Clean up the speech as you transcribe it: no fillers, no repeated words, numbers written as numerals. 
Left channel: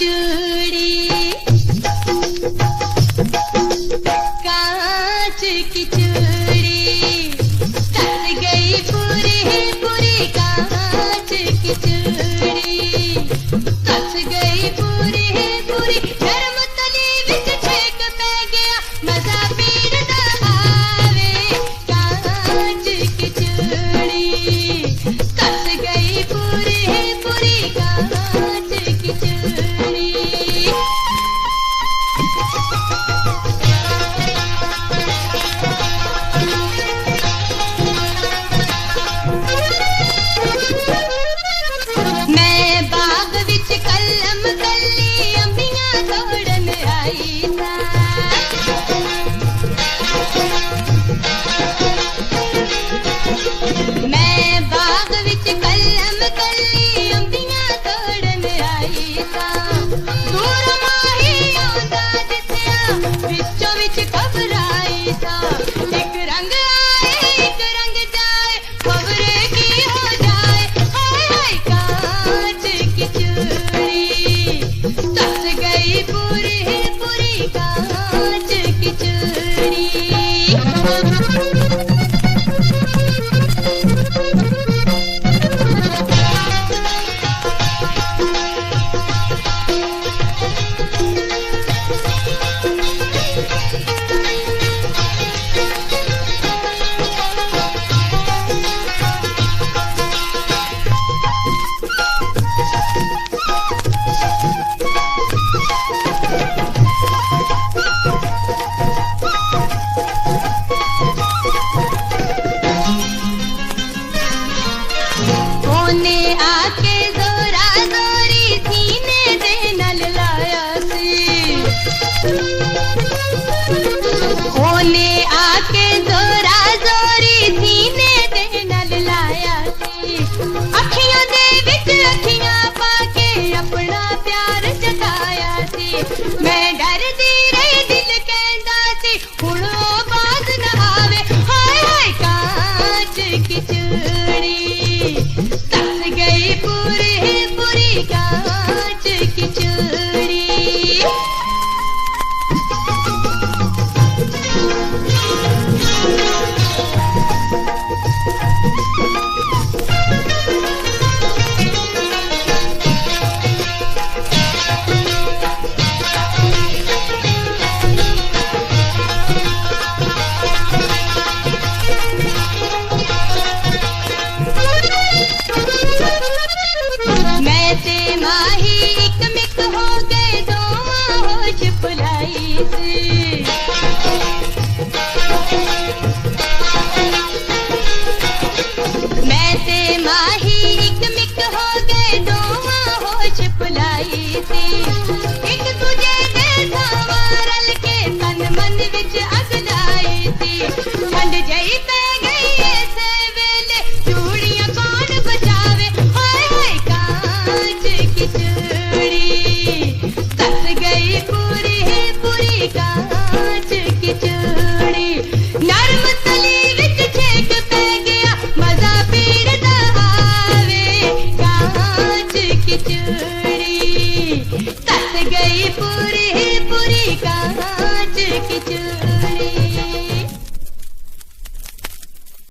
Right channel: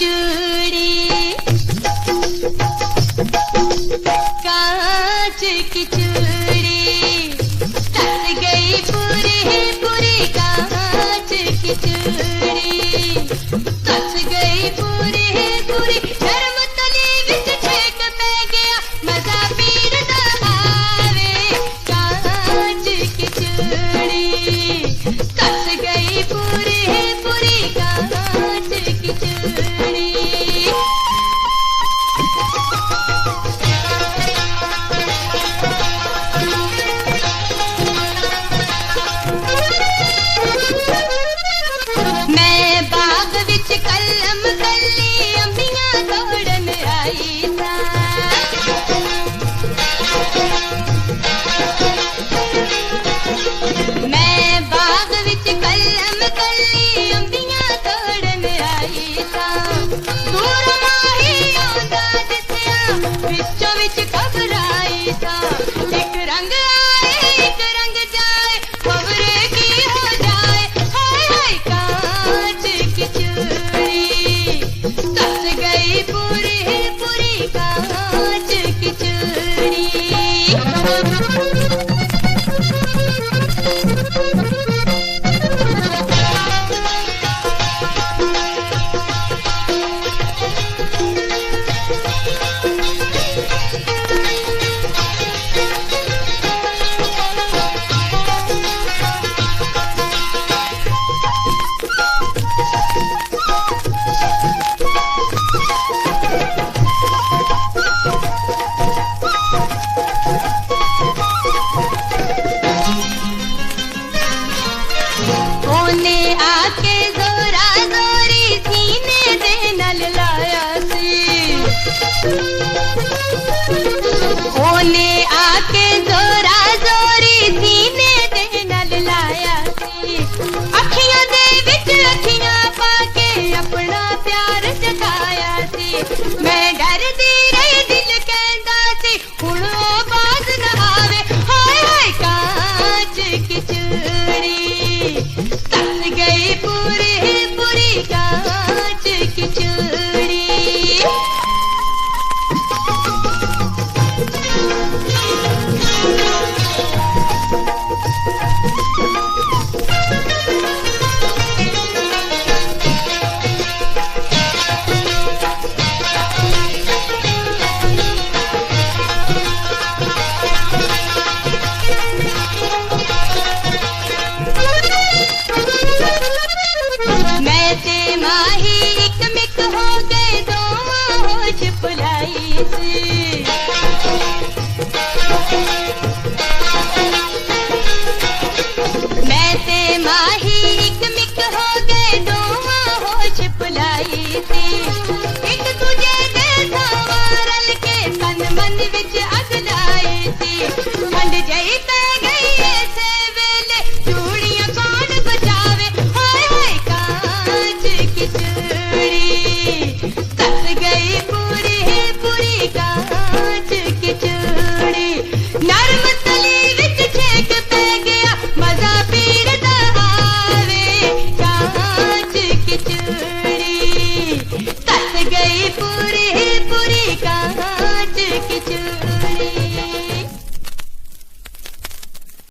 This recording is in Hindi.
चूड़ी, कांच की चूड़ी, टस गई पूरी पूरी कांच की चूड़ी, टस गई पूरी पूरी। नरम तली विच छेक पै गया, मजा पीर दा आवे। कांच की चूड़ी, टस गई पूरी पूरी कांच की चूड़ी। मैं बाग विच कलम कली अंबियां तोड़न आई सा, मैं बाग विच कलम कली अंबियां तोड़न आई सा। दूर माही आंदा दिसया, विचों विच घबराई सा। एक रंग आए एक रंग जाए, खबरे की हो जाए। हाय हाय कांच की चूड़ी, टस गई पूरी पूरी कांच की चूड़ी। ओने आके जोरा जोरी सीने दे नल लाया सी, ओने आके जोरा जोरी सीने दे नल लाया सी। अखियां दे विच अखियां पाके अपना प्यार जताया सी। मैं डरदी रही दिल कहंदा सी, हुण ओ बाज ना आवे। हाय हाय कांच की चूड़ी, टस गई पूरी पूरी कांच की चूड़ी। मैं ते माही एक मिक हो गए, दोवां होश भुलाई सी।